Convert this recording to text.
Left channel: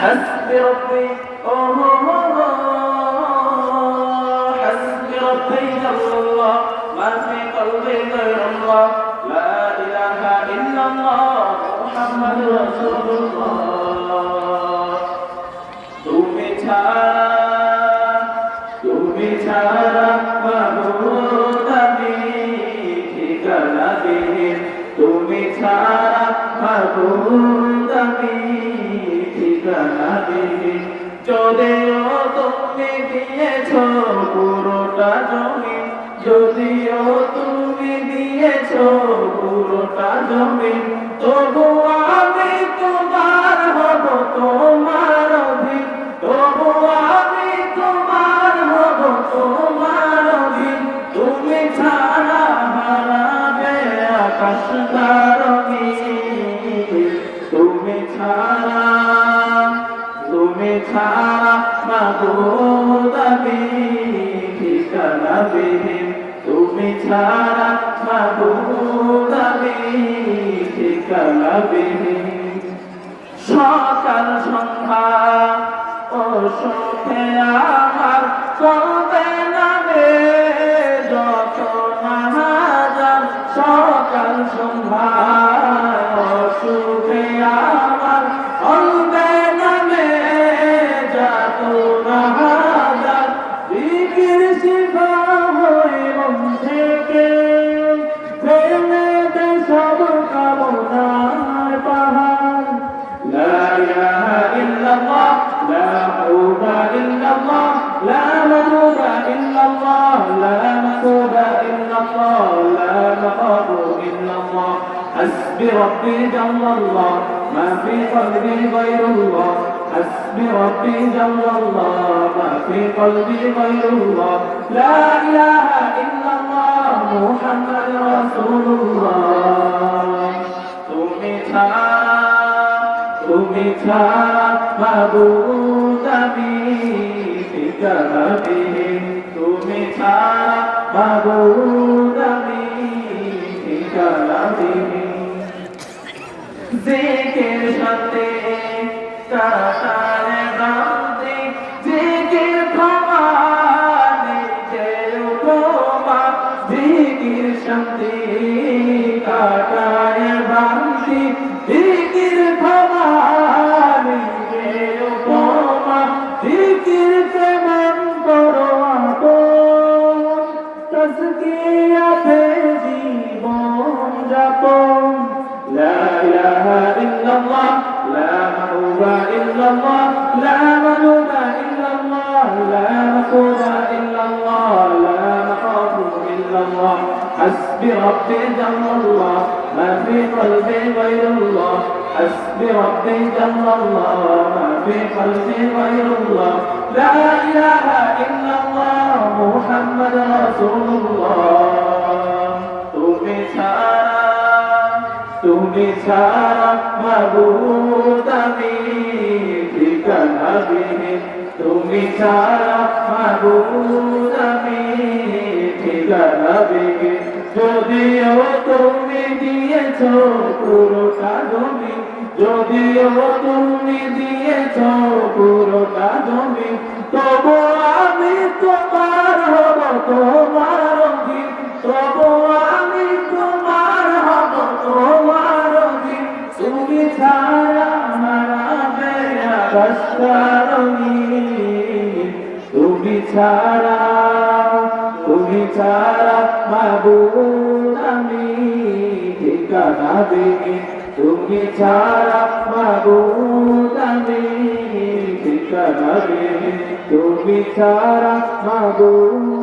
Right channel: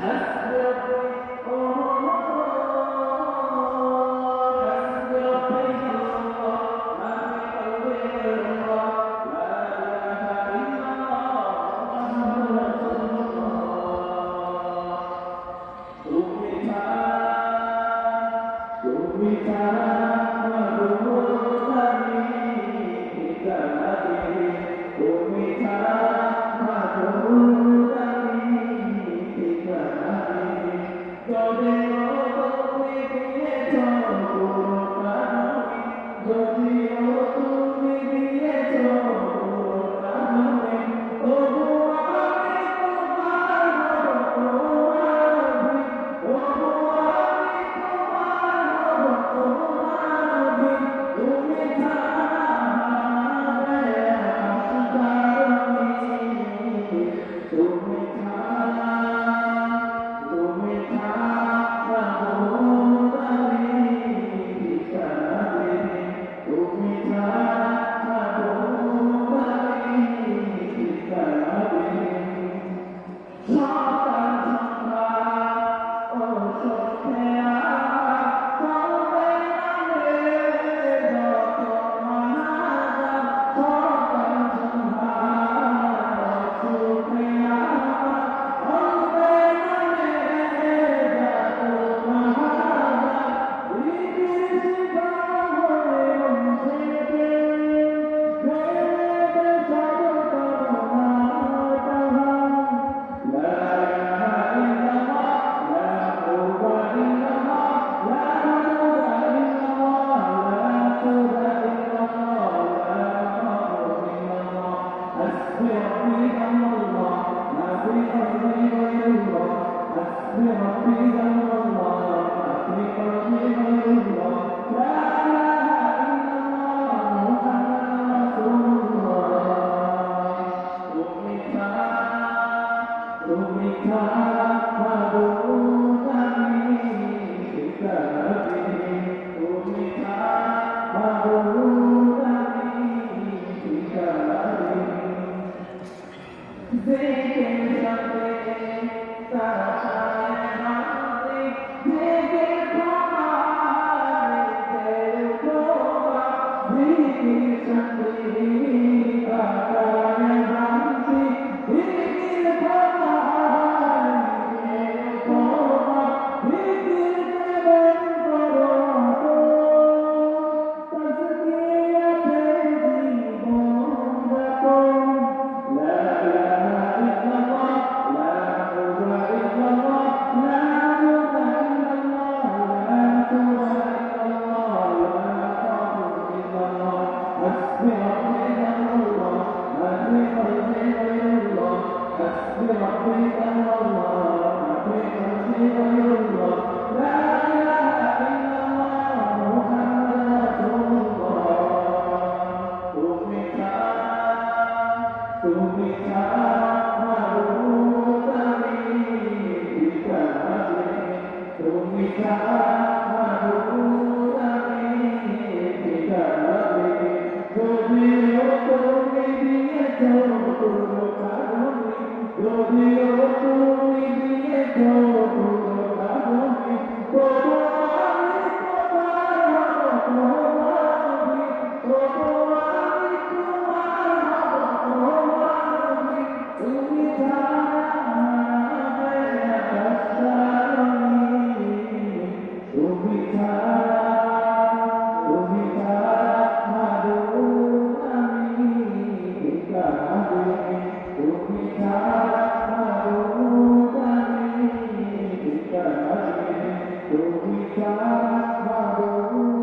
حسبي ربي أوه حسبي ربي جل الله ما في قلبي غير الله لا إله إلا الله محمد رسول الله তুমি ছাড়া তুমি ছাড়া মাবুদ আমি ঠিকানা দিন তুমি ছাড়া মাবুদ আমি ঠিকানা দিবি যদিও তুমি দিয়েছ পুরোটা জমি যদিও তুমি দিয়েছ পুরোটা জমি। আমি ঠিকানা বিহীন সকাল সন্ধ্যা ও সুখে আমার لا معبود إلا الله لا مقصود إلا الله لا مخاف إلا الله حسبي ربي جل الله ما في قلبي غير الله حسبي ربي جل الله ما في قلبي غير الله لا إله إلا الله محمد رسول الله তুমি ছাড়া তুমি ছাড়া মাবুদ আমি ঠিকানা বিহীন তুমি ছাড়া মাবুদ আমি ঠিকানা বিহীন জিকির সাথে কাটায় বান্দি জিকির ক্ষমা নিজে উপমা জিকির শান্তি কাটায় لا معبود إلا الله لا مقصود إلا الله لا مخاف إلا الله حسبي ربي جل الله ما في قلبي غير الله حسبي ربي جل الله ما في قلبي غير الله لا إله إلا الله محمد رسول الله তুমি ছাড়া তুমি ছাড়া মাবুদ আমি ঠিকানা বিহীন তুমি ছাড়া মাবুদ আমি ঠিকানা বিহীন যদিও তুমি দিয়েছ পুরো জমি যদিও তুমি আকাশকারণী তুমি ছাড়া তুমি ছাড়া মাবুদ আমি ঠিকানা দেবে তুমি ছাড়া মাবুদ আমি ঠিকানা দেবে তুমি ছাড়া মাবুদ